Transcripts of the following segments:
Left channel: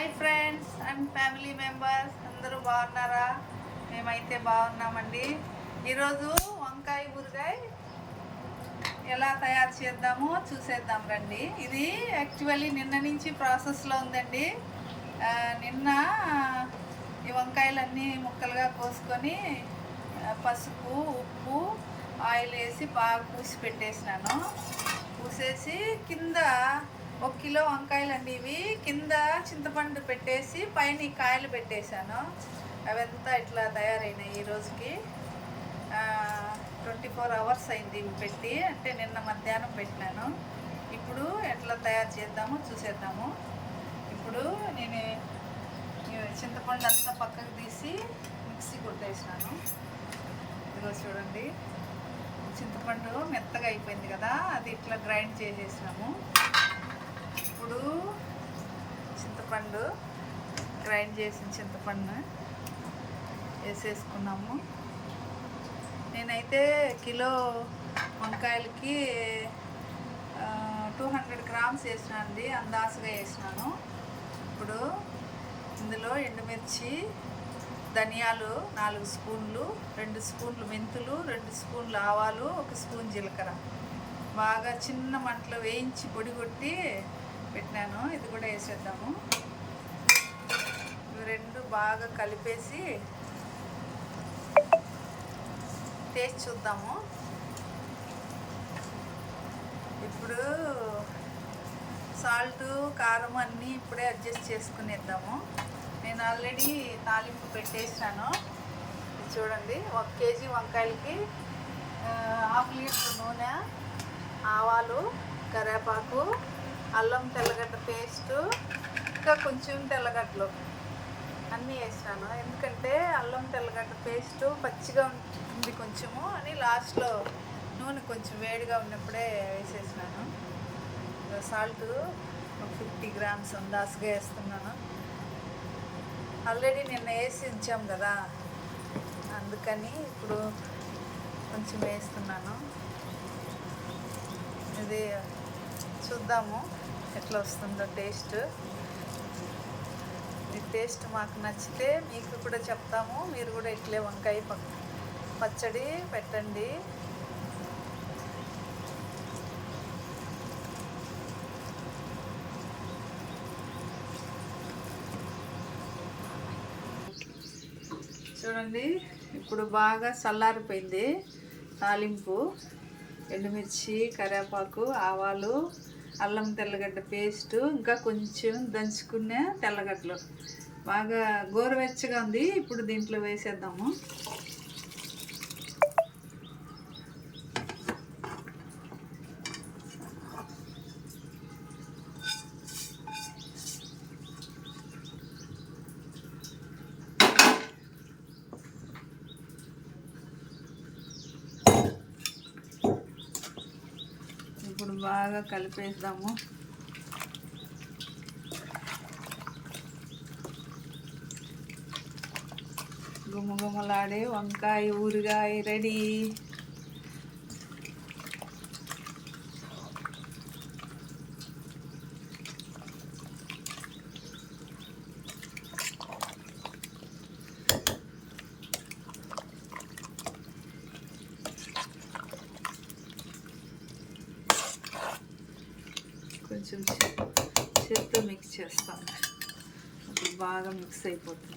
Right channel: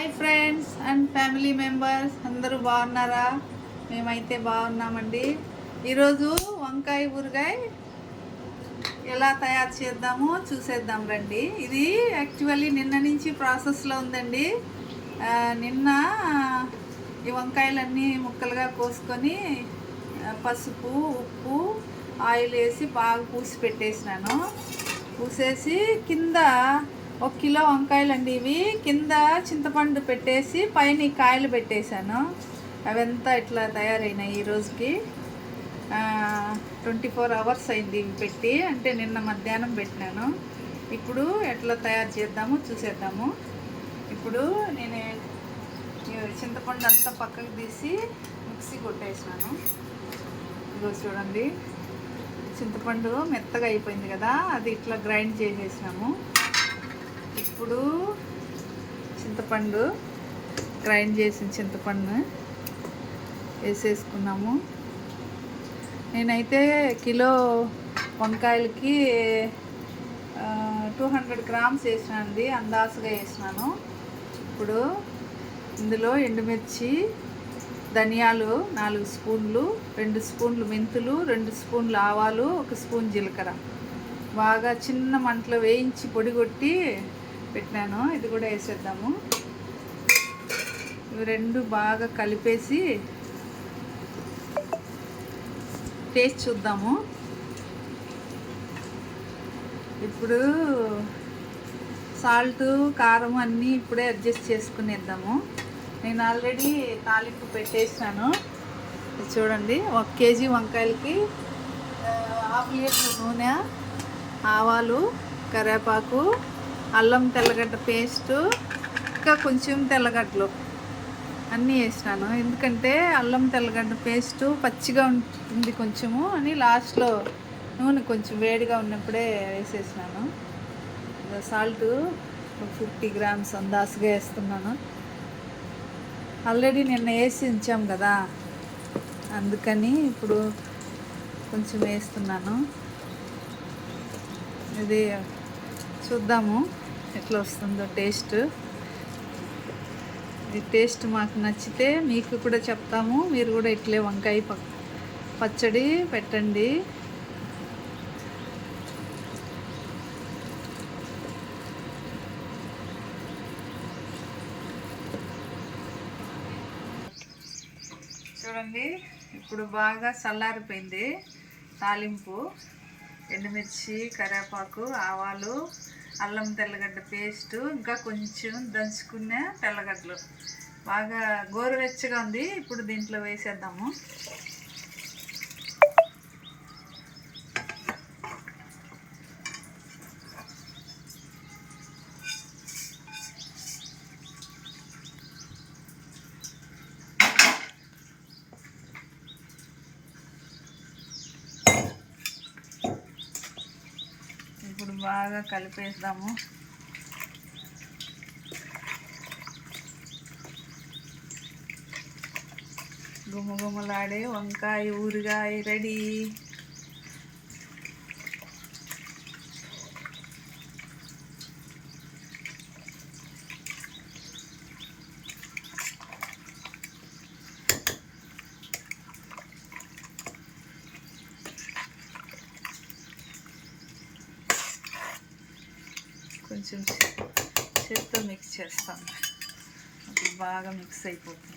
Hi friends and family members అందరూ బాగున్నారా? మేమైతే బాగున్నామండి. ఈరోజు వంకాయ ఊరగాయ ఎలా తయారు చేద్దామో చూసేద్దాం రండి. ఇది యాక్చువల్లీ నిన్న నుంచి ప్రాసెస్లో ఉందండి. నిన్న ఈ వంకాయలన్నీ ముక్కలుగా కోసుకొని పసుపు, ఉప్పు, ఆయిల్ వేసి బాగా పూసి పెట్టేసినాను. పూసేసి కింద 1 కిలో వంకాయలండి ఇవి. కింద చింతపండు పెట్టేసి పైన కాయలు పెట్టేశాను. అవంతా ఇట్లా తయారైనాయి. ఈ రోజుకి 24 అవర్స్ అయింది ఇవి పెట్టి, అంటే నిన్న మధ్యాహ్నం పెట్టినాను. ఇప్పుడు ఎట్లా తయారు చేద్దామో చూసేద్దాము. ఇప్పుడు నేను చింతపండు అంతా పక్కకు తీసి మిక్సీ కొట్టేసాను. ఇదిగో చూడండి, చింతపండు మెత్తగా అయిపోయింది కదా, అది ఇట్లా గ్రైండ్ చేసేసాము. ఇప్పుడు చింతపండు గ్రైండ్ చేసిన చింతపండు వేసేసుకున్నాము. నేనైతే కిలో వంకాయలకి 200 గ్రామ్స్ వేసినానండి, అందాసుగా వేసినాను. ఇప్పుడు ఇందులో ఎండుమిర్చి, ధనియాలు 4 స్పూన్లు, 2 స్పూన్లు మెంతులు, 2 స్పూన్లు ఆవాలు, 1 స్పూన్ జీలకర్ర బాగా చిన్న మంటలో వేయించి పొడి కొట్టి పెట్టినాను. ఇది కూడా వేసేద్దాము. ఇవి రెండు బాగా కలిపేసి టేస్ట్ చూద్దాము. ఇప్పుడు సాల్ట్, కారం అన్నీ ఇప్పుడే అడ్జస్ట్ చేసుకునేద్దాము. నేను ఆల్రెడీ తాలింపు పెట్టేసాను. చూడండి, 1 కేజీ వంకాయలకి 1/2 లీటర్ నూనె, ఆవాలు, కరివేపాకు, అల్లం తెల్లగడ్డ పేస్టు, ఇంకా కొంచెం తెల్లగడ్డలు అన్నీ వేసినాను. ఎందుకంటే అల్లం తెల్లగడ్డ పేస్టు పచ్చిగా ఉంటుంది కొంచెము అని లాస్ట్లో నూనె కొంచెం వేడిగా ఉన్నప్పుడే వేసేసినాను. సాల్ట్ 50 గ్రామ్స్ అందాసుగా వేస్తున్నాను. ఆల్రెడీ నిన్న వేసి ఉంచాం కదా, అందుకని ఇప్పుడు కొంచెం వేస్తున్నాను. ఇది చూద్దాము ఎట్లా వస్తుందో టేస్ట్. ఈ టేస్ట్ మాకు నచ్చితే మీకు కూడా చెప్తాము. మీరు కూడా ఇట్లే వంకాయ పచ్చడి పెట్టండి. చూడండి, ఇప్పుడు బాగా చల్లారిపోయింది. తాలింపు ఎండుమిర్చి, కరివేపాకు, ఆవాలు, అల్లం తెల్లగడ్డ పేస్టు, ఇంకా కొంచెం దంచుకున్న తెల్లగడ్డలు బాగా గోరువెచ్చగా ఉంది. ఇప్పుడు దీంట్లో వేసేద్దాము. ఇప్పుడు బాగా కలిపేద్దాము. గుమగుమలాడే వంకాయ ఊరగాయ రెడీ. కొంచెం చేత్తో మిక్స్ చేస్తాం, అప్పుడు బాగా మిక్స్ అయిపోతుంది.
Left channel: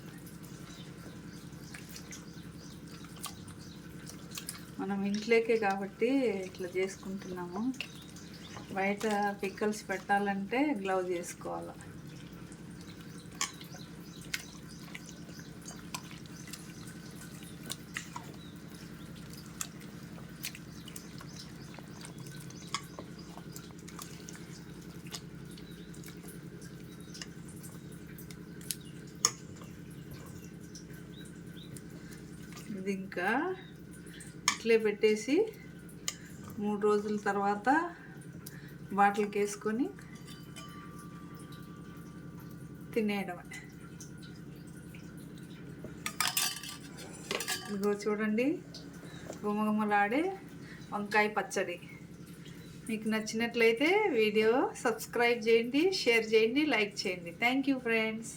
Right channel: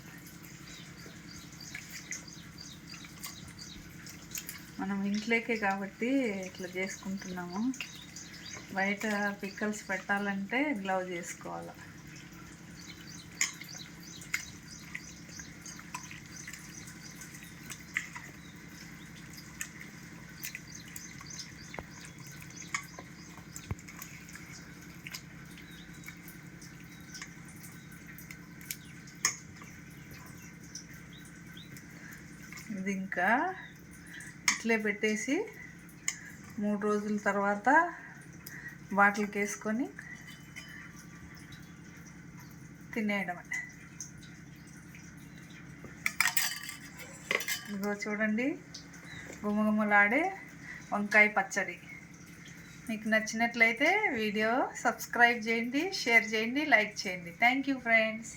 మనం ఇంట్లోకే కాబట్టి ఇట్లా చేసుకుంటున్నాము. బయట పిక్కల్స్ పెట్టాలంటే గ్లౌజ్ వేసుకోవాలి. ఇది ఇంకా ఇట్లే పెట్టేసి 3 రోజుల తర్వాత బాటిల్కి వేసుకొని తినేయడమే. ఇదిగో చూడండి, గుమగుమలాడే వంకాయ పచ్చడి మీకు నచ్చినట్లయితే వీడియో సబ్స్క్రైబ్ చేయండి, షేర్ చేయండి, లైక్ చేయండి. Thank you friends.